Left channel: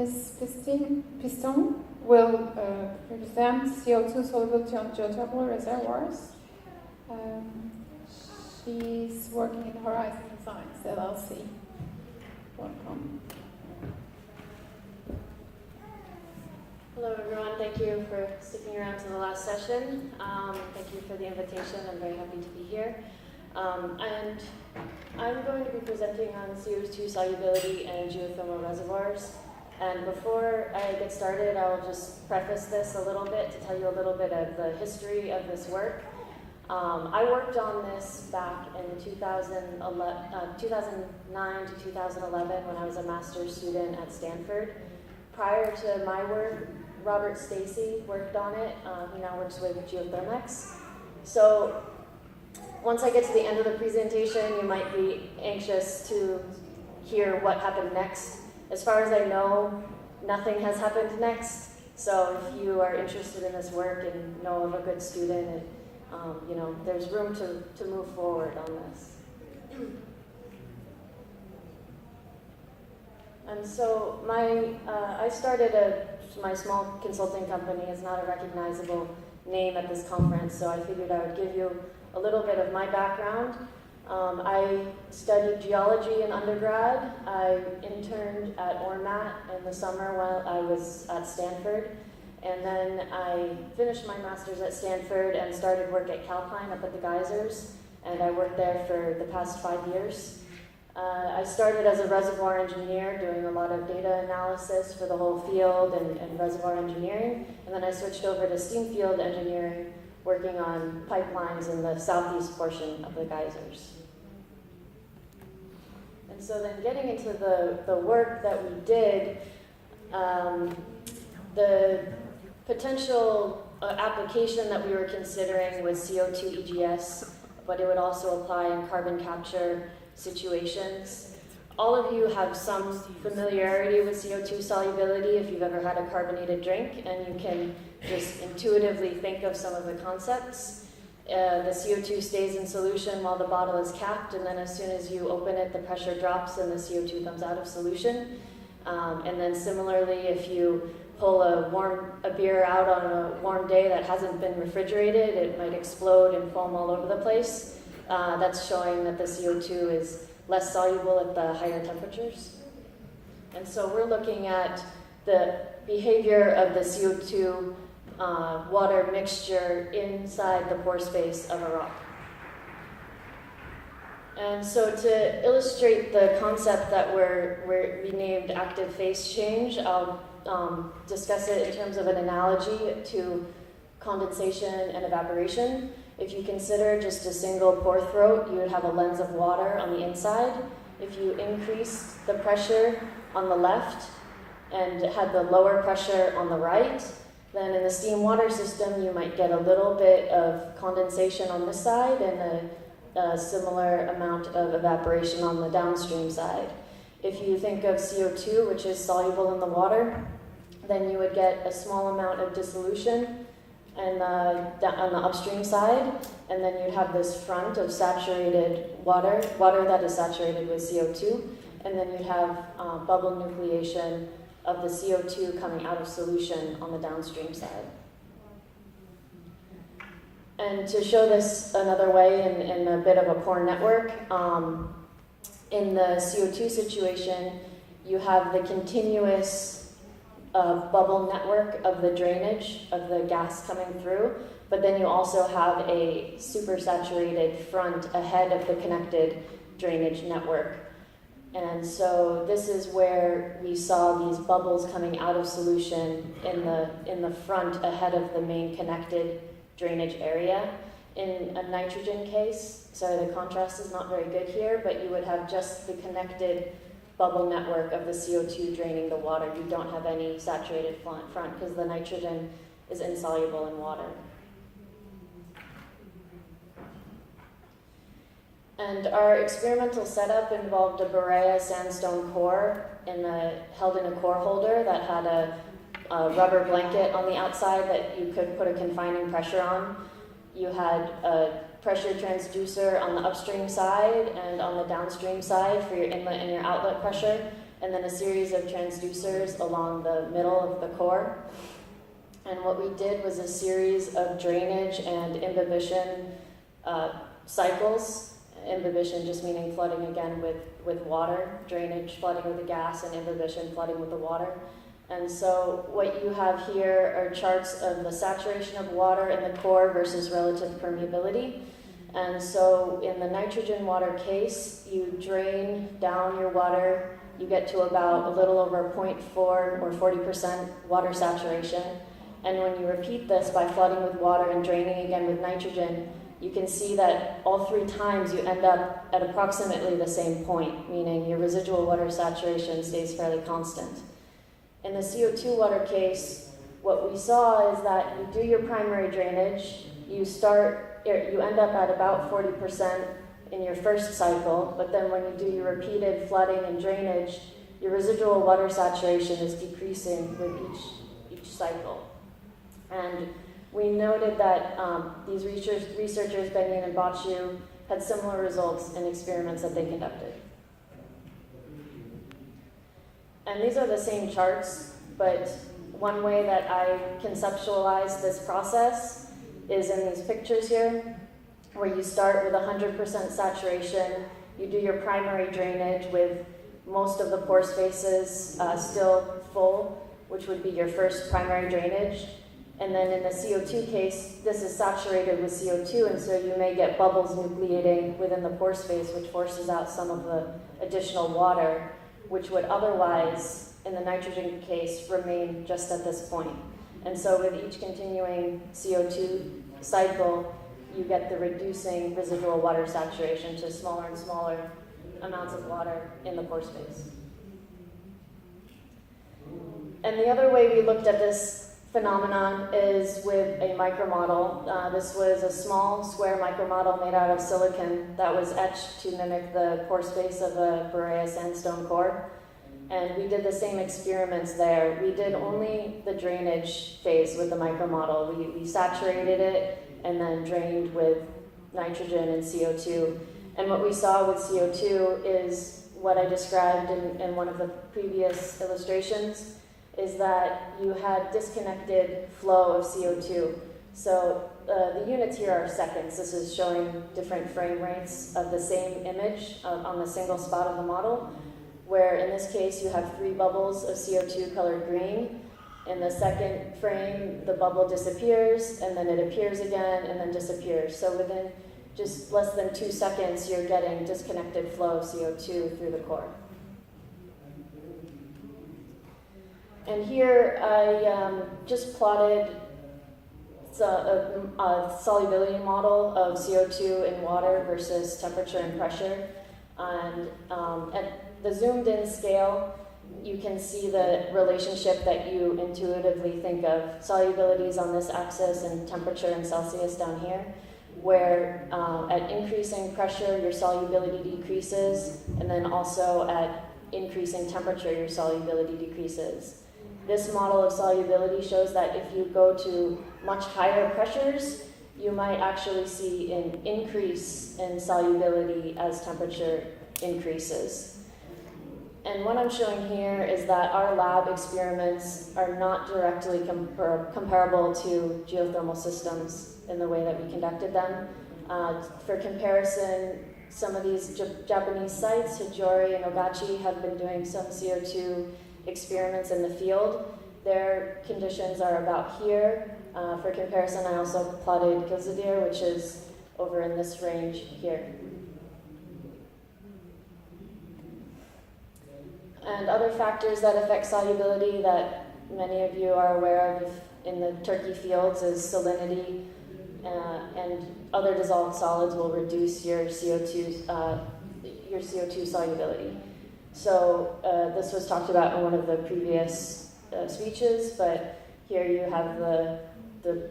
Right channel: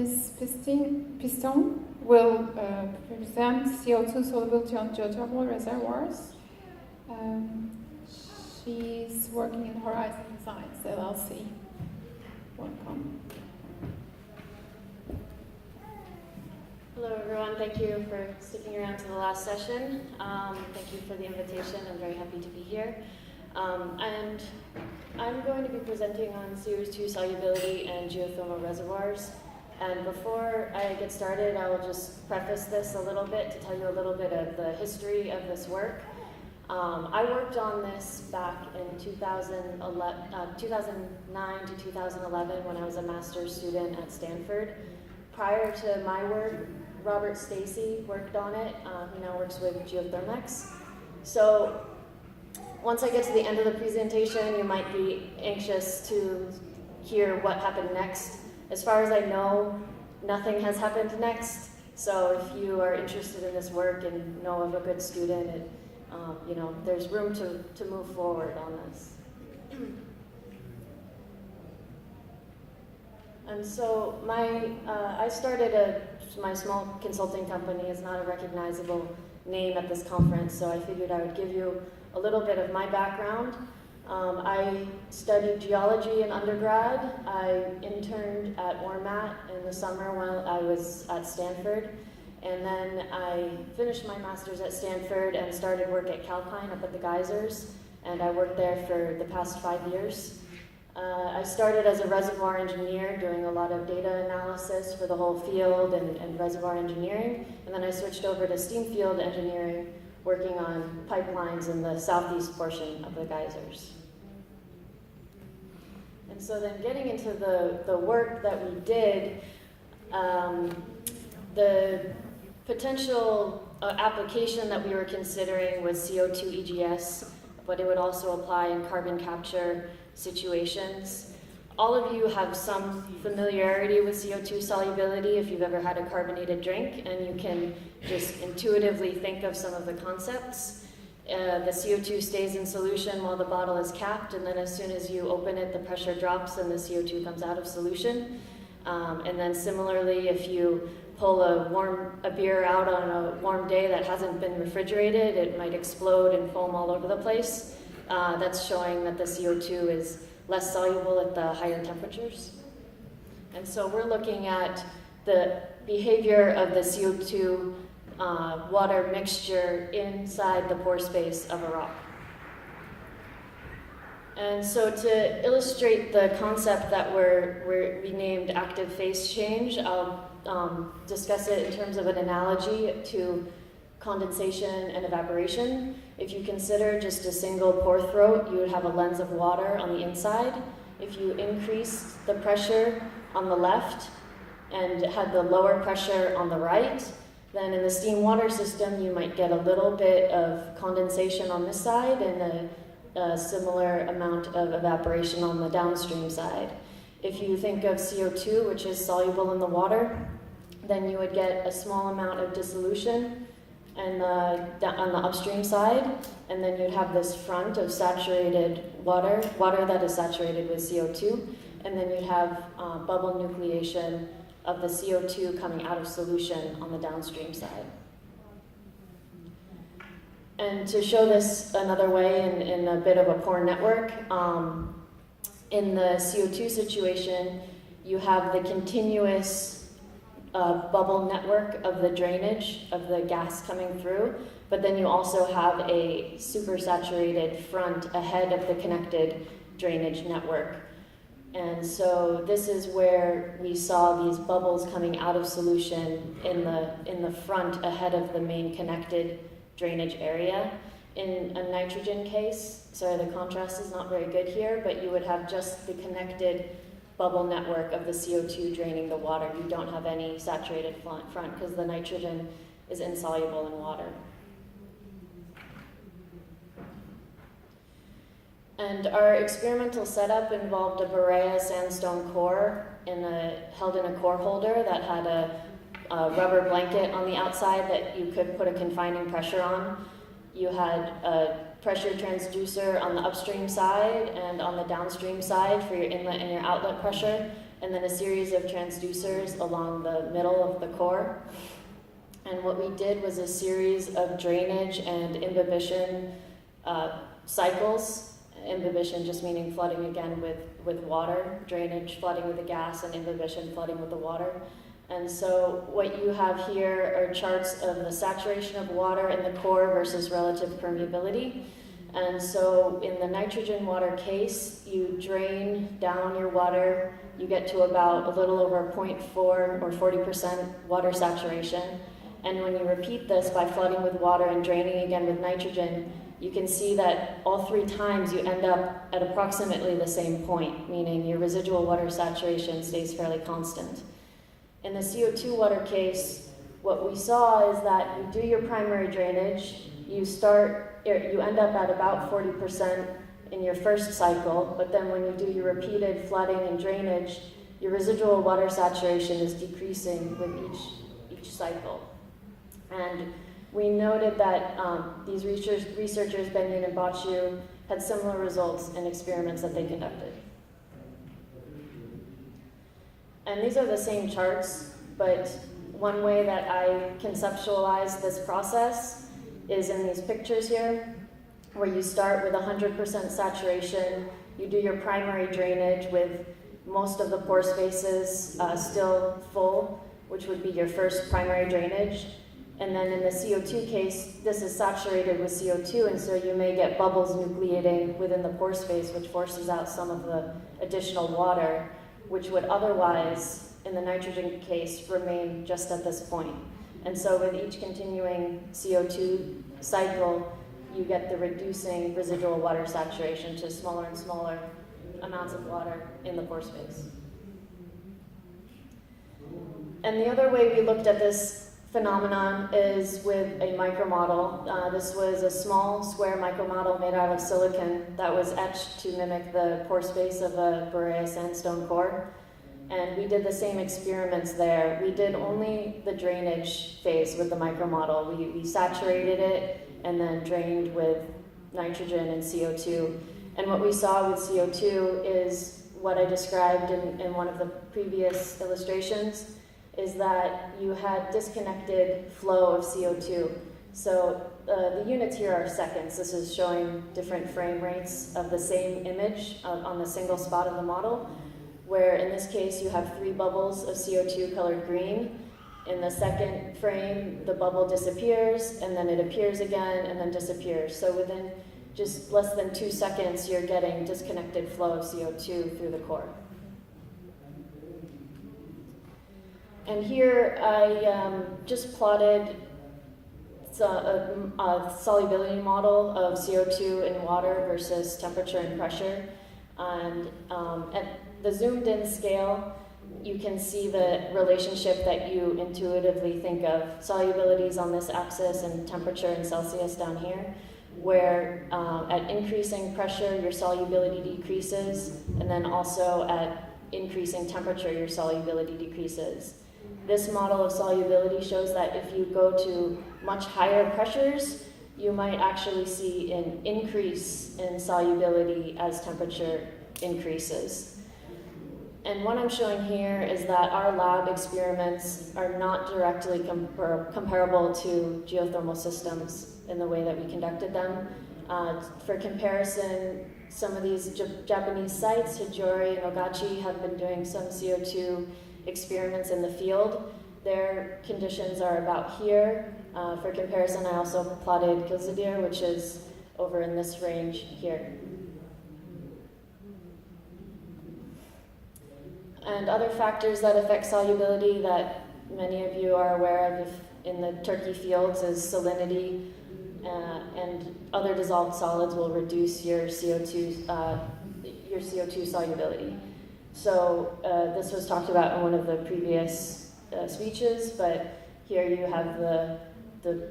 Ms. Piston will present CO2 solubility on geothermal reservoirs. She's working in Horizon Designs, LLC. Welcome. Hello everyone, thank you for sticking around to the last session. Thank you for the invitation, I'm very happy to be here. And I'm going to be presenting on CO2 solubility and geothermal reservoirs. And before I get started, I'll just preface this a little bit to tell you a little bit of the history of this work. I worked on this back in 2009 to 2011 when I was a master's student at Stanford. Prior to my work, Robert Stacy worked on it, who now works with Geothermal. So once I get to the end of the presentation, you might be anxious to hear what happened next. As far as I know, nothing has happened next. So if you are interested in this work and know of a good student, and there's room to move forward on this. And so I started my small consulting company. Is not a recognizable name at this conference, so I figured I would give you a little bit of my background. I studied geology in undergrad. I interned at ORMAT in the summer when I was at Stanford. And then I finished my master's at Stanford and started work at Calpine up at the geysers. And I worked there for the past 5 years. I started as a reservoir engineer doing a lot of data analysis for the whole field and reservoir engineering. And then I switched over to steam field engineering, working on pipelines in the southeast portion of the geysers. And so then getting into the work that we did, the potential application that we were considering was CO2 EGS, but it would also apply in carbon capture situations. All of you have some familiarity with CO2 solubility if you've ever had a carbonated drink, and you can just intuitively think of some of the concepts. The CO2 stays in solution while the bottle is capped, and then as soon as you open it, the pressure drops and the CO2 comes out of solution. And then similarly, if you pull a beer out on a warm day that hasn't been refrigerated, it might explode and foam all over the place. That's showing that the CO2 is less soluble at the higher temperatures. And so we're looking at the behavior of the CO2 water mixture inside the pore space of a rock. And so to illustrate the concept that we named active phase change, I'll discuss it in terms of an analogy to condensation and evaporation. If you consider just a single pore throat, you would have a lens of water on the inside. If you increase the pressure on the left and had the lower pressure on the right, then in the steam water system, you might get a little bit of condensation on this side and a similar amount of evaporation on the downstream side. If you think of CO2, which is soluble in the water, then you would get a small amount of dissolution and on the upstream side, and then you'd have this front of saturated water that is saturated with CO2, and then you'd have bubble nucleation of the CO2 coming out of solution on the downstream side. And to show this another way in a bit of a pore network, in the CO2 situation, you have the continuous bubble network of the drainage of the gas coming through, but then you also have a supersaturated front ahead of the connected drainage network. And so this is where we saw these bubbles coming out of solution in the front ahead of the main connected drainage area. In a nitrogen case, sorry, the contrast is not very good here, but you would have just the connected bubble network of the CO2 draining the water. You don't have any saturated front because the nitrogen is insoluble in water. And our experimental setup involved a Berea sandstone core held in a core holder that had a rubber blanket on the outside that you could put a confining pressure on. You had a pressure transducer on the upstream side and on the downstream side for your inlet and your outlet pressure. and then a series of transducers along the middle of the core. And what we did was a series of drainage and imbibition cycles. Imbibition just meaning flooding again with water, drainage flooding with the gas, and imbibition flooding with the water. And so what you have here are charts of the saturation of water in the core versus relative permeability. And so in the nitrogen water case, you drain down your water, you get to about a little over 0.4 or 40% water saturation. And when you repeat this by flooding with water and draining again with nitrogen, you can see that all 3 times you end up at approximately the same point, meaning your residual water saturation stays fairly constant. In the CO2 water case, what we saw is that you do your primary drainage, you end up at about 40% in your first cycle, but then when you do your repeated flooding and drainage, your residual water saturation is decreasing with each cycle. And we noted that these researchers, Benjamin and Bachu, had similar results in experiments that they conducted. And these are the same charts, but one way that I conceptualize this process is in these pictures here, where you start with 100% saturation, you do your primary drainage with most of the pore spaces still full, which would be your first primary drainage. And then in the CO2 case, this is saturated with CO2, and so you may get bubbles nucleating within the pore space, which forces out some of the additional water, which would otherwise, in the nitrogen case, remain just at this point. And so with each continuing CO2 cycle, you get the reducing residual water saturation to smaller and smaller amounts of water in the pore space. And the other way we looked at this phenomenon is with a micromodel. This was a small square micromodel made out of silicon that was etched to mimic the pore space of a Berea sandstone core. And we did the same experiments there. We did only the drainage phase with the micromodel. We saturated it and then drained with nitrogen and CO2. And what we saw with CO2 is what I described in one of the previous illustrations, is that you had disconnected flow of CO2. So the units here are seconds. This is showing different frame rates of the same image on the single spot of the model, where in this case you have 3 bubbles of CO2 colored green. In the second frame, the bubble disappears, and then it appears again, and then disappears. So within just less than 2 seconds, you're getting disconnected flow of CO2 through the core. And here I just plotted a solubility model of CO2 in water versus temperature and pressure. And at the zoomed in scale, you can see the relationship that you intuitively think of. Solubility is on this axis and temperature in Celsius down here, where at increasing pressure, your solubility decreases, and then also at increasing temperature, your solubility decreases. This model of solubility shows that if you go to much higher pressures, you might actually see an increase in solubility as temperature increases. And what I'm showing here is that our lab experiments are not directly comparable to geothermal systems in the way that we conducted them. For comparison, some of these Japanese sites, Hijori and Ogachi, have been doing some CO2 experiments in the field. Their conditions are about here. For comparison, I also plotted Gilzadir, which is over in this range here. And other factors that affect solubility that many of you are aware of in the Turkey fields is salinity, and other dissolved solids will reduce your CO2 solubility. So this was talked about in one of the previous speeches, but here you have the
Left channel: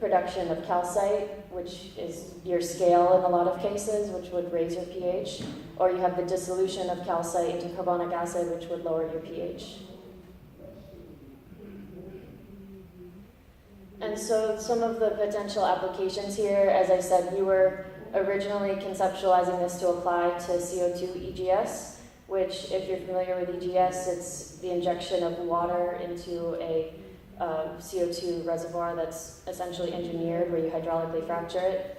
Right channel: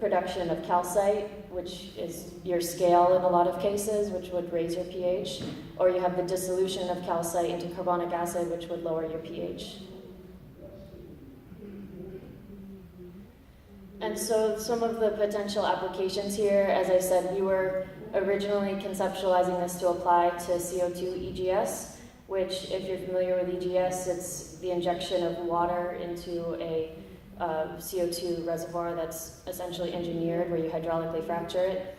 production of calcite, which is your scale in a lot of cases, which would raise your pH, or you have the dissolution of calcite into carbonic acid, which would lower your pH. And so some of the potential applications here, as I said, we were originally conceptualizing this to apply to CO2 EGS, which, if you're familiar with EGS, it's the injection of water into a CO2 reservoir that's essentially engineered, where you hydraulically fracture it.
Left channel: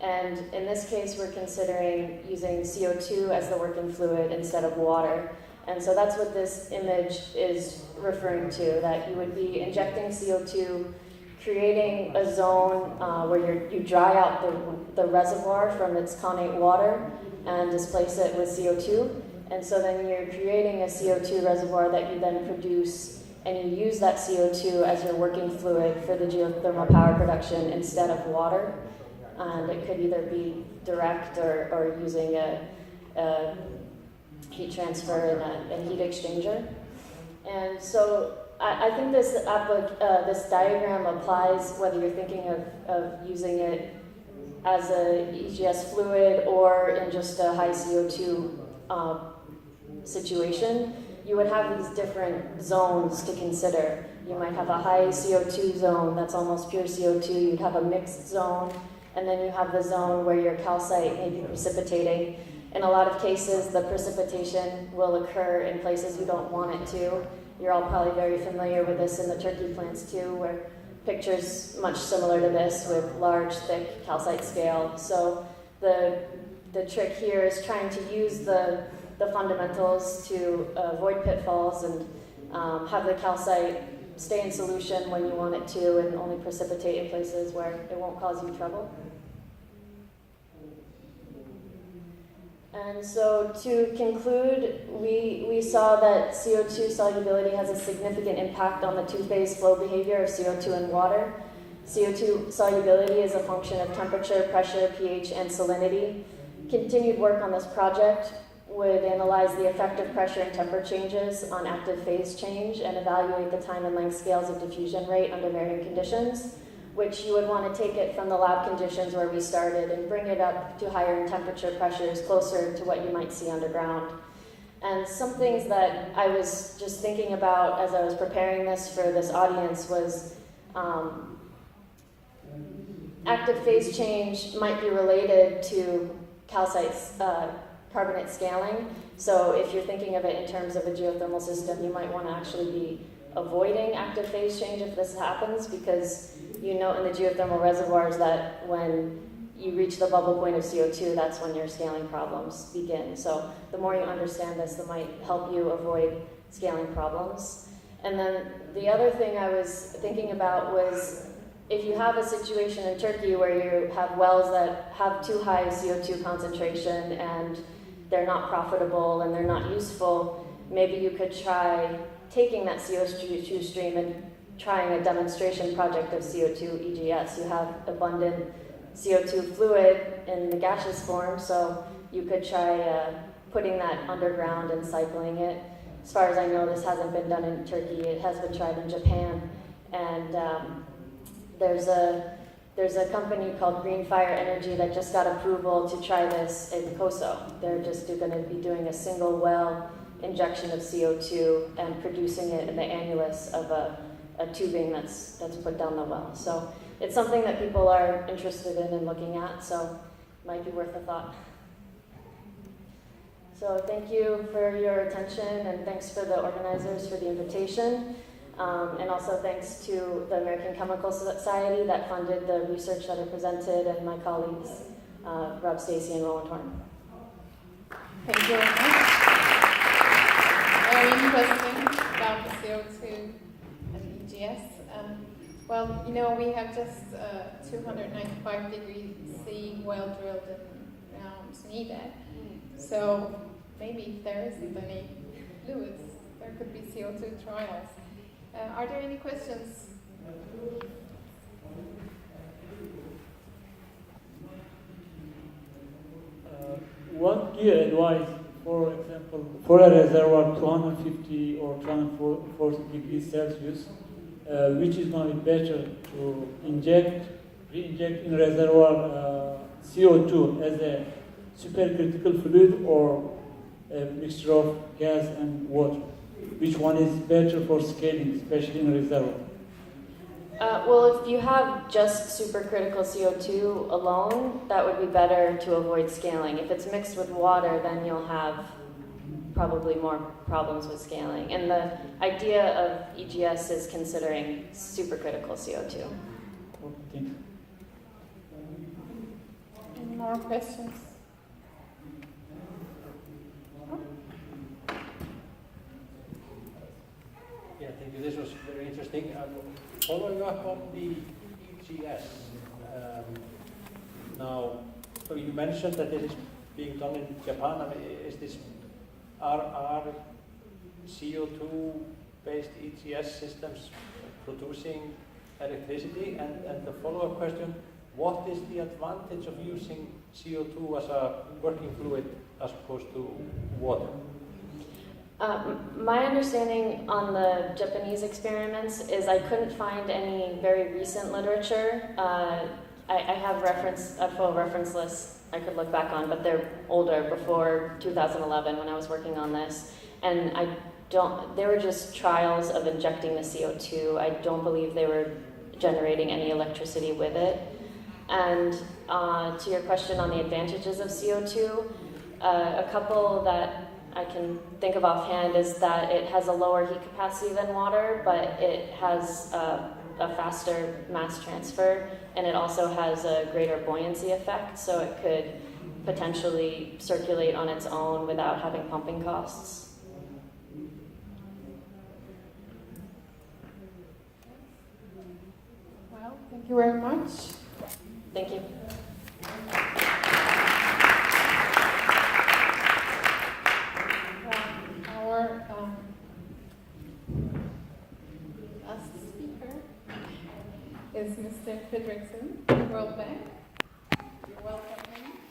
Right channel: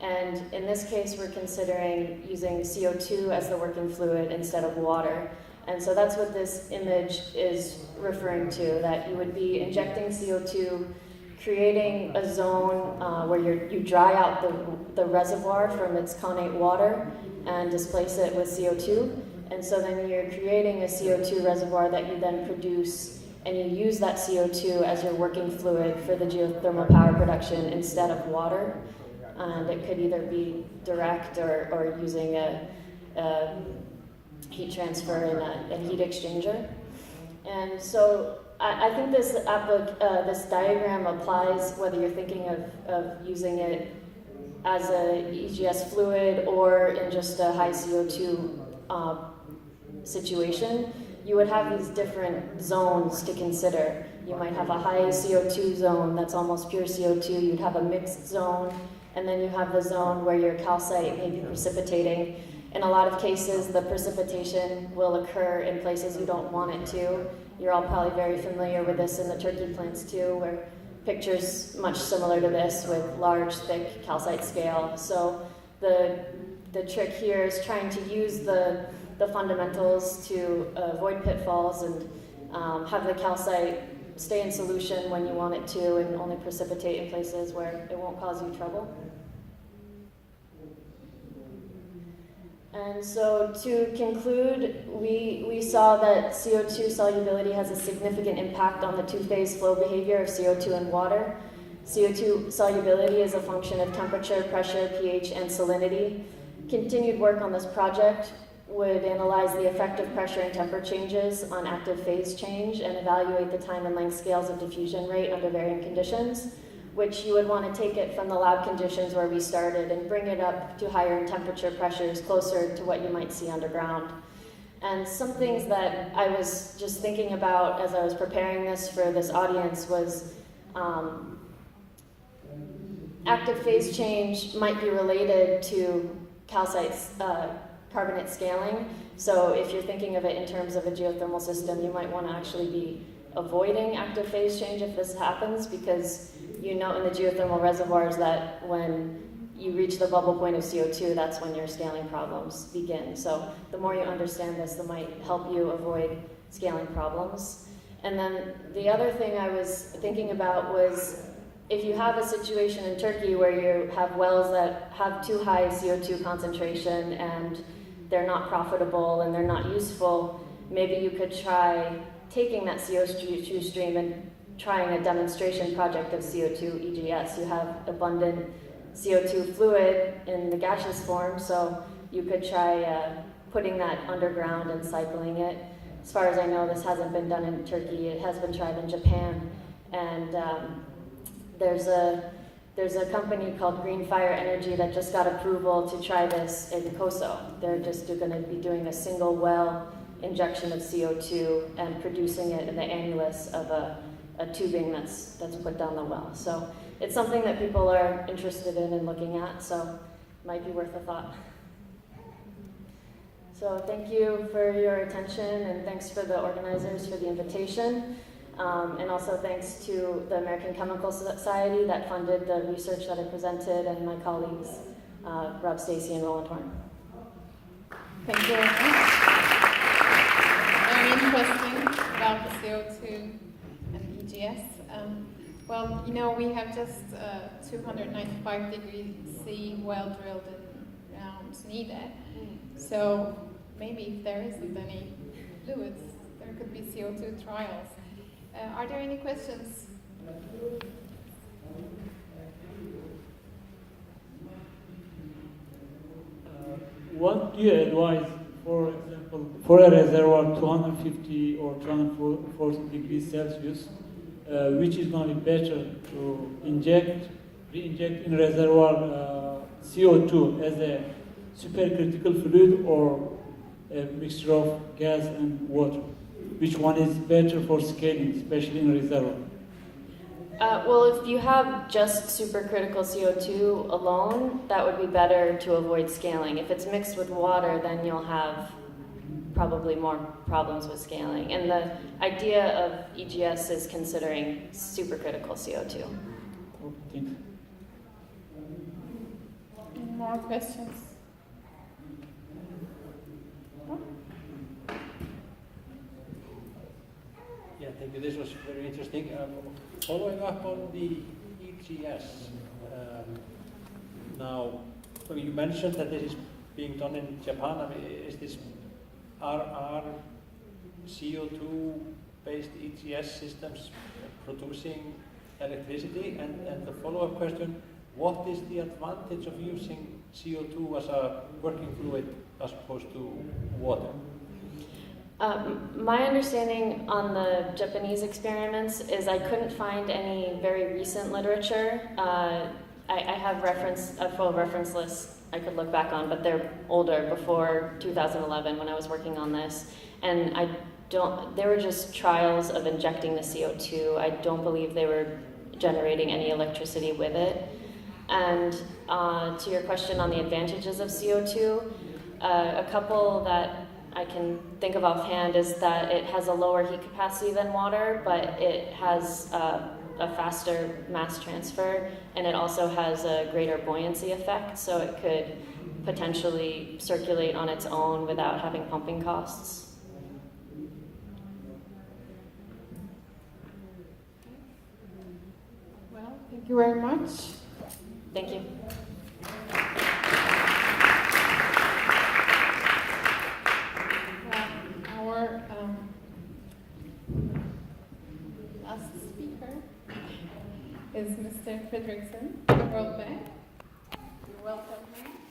And in this case, we're considering using CO2 as the working fluid instead of water. And so that's what this image is referring to, that you would be injecting CO2, creating a zone where you dry out the reservoir from its connate water and displace it with CO2. And so then you're creating a CO2 reservoir that you then produce, and you use that CO2 as your working fluid for the geothermal power production instead of water. And it could either be direct or using a heat transfer and a heat exchanger. And so I think this diagram applies whether you're thinking of using it as a EGS fluid or in just a high CO2 situation. You would have these different zones to consider. You might have a high CO2 zone that's almost pure CO2. You'd have a mixed zone, and then you have the zone where your calcite may be precipitating. In a lot of cases, the precipitation will occur in places you don't want it to. You're all probably very familiar with this in the Turkey plants too, where pictures much similar to this with large, thick calcite scale. So the trick here is trying to use the fundamentals to avoid pitfalls and have the calcite stay in solution when you want it to, and only precipitate in places where it won't cause you trouble. And so to conclude, we saw that CO2 solubility has a significant impact on the two-phase flow behavior of CO2 and water. CO2 solubility is a function of temperature, pressure, pH, and salinity. Continued work on this project would analyze the effect of pressure and temperature changes on active phase change and evaluate the time and length scales of diffusion rate under varying conditions, which you would want to take it from the lab conditions where we started and bring it up to higher temperature pressures closer to what you might see underground. And some things that I was just thinking about as I was preparing this for this audience was active phase change might be related to calcite's carbonate scaling. So if you're thinking of it in terms of a geothermal system, you might want to actually be avoiding active phase change if this happens, because you know in the geothermal reservoirs that when you reach the bubble point of CO2, that's when your scaling problems begin. So the more you understand this, that might help you avoid scaling problems. And then the other thing I was thinking about was, if you have a situation in Turkey where you have wells that have too high CO2 concentration and they're not profitable and they're not useful, maybe you could try taking that CO2 stream and trying a demonstration project of CO2 EGS. You have abundant CO2 fluid in the gaseous form, so you could try putting that underground and cycling it. As far as I know, this hasn't been done in Turkey. It has been tried in Japan, and there's a company called Green Fire Energy that just got approval to try this in Kosovo. They're just going to be doing a single well injection of CO2 and producing it in the annulus of a tubing that's put down the well. So it's something that people are interested in and looking at, so it might be worth a thought. So thank you for your attention, and thanks for the organizers for the invitation. And also thanks to the American Chemical Society that funded the research that I presented, and my colleagues, Rob Stacey and Roland Horn. Thank you very much. Very interesting about the CO2 and EGS. Well, you know, we have just 295 degrees C well drilled in around Izmir. So maybe if there isn't any fluids, there could be CO2 trials. Are there any questions? What do you advise, for example, for a reservoir 250 or 240 degrees Celsius, which is going to be better to re-inject in reservoir CO2 as a supercritical fluid or a mixture of gas and water? Which one is better for scaling, especially in a reservoir? Well, if you have just supercritical CO2 alone, that would be better to avoid scaling. If it's mixed with water, then you'll have probably more problems with scaling. And the idea of EGS is considering supercritical CO2. Thank you. Any more questions? Yeah, thank you. This was very interesting. Following up on the EGS, now, so you mentioned that this is being done in Japan. I mean, is this are CO2-based EGS systems producing electricity? And the follow-up question: what is the advantage of using CO2 as a working fluid as opposed to water? My understanding on the Japanese experiments is I couldn't find any very recent literature. I have a full reference list I could look back on, but they're older, before 2011 when I was working on this. And they were just trials of injecting the CO2. I don't believe they were generating any electricity with it. And to your question on the advantages of CO2, a couple that I can think of offhand is that it has a lower heat capacity than water, but it has a faster mass transfer, and it also has a greater buoyancy effect, so it could potentially circulate on its own without having pumping costs. Well, thank you very much. Thank you. Our last speaker is Mr. Fredrickson, the World Bank. You're welcome.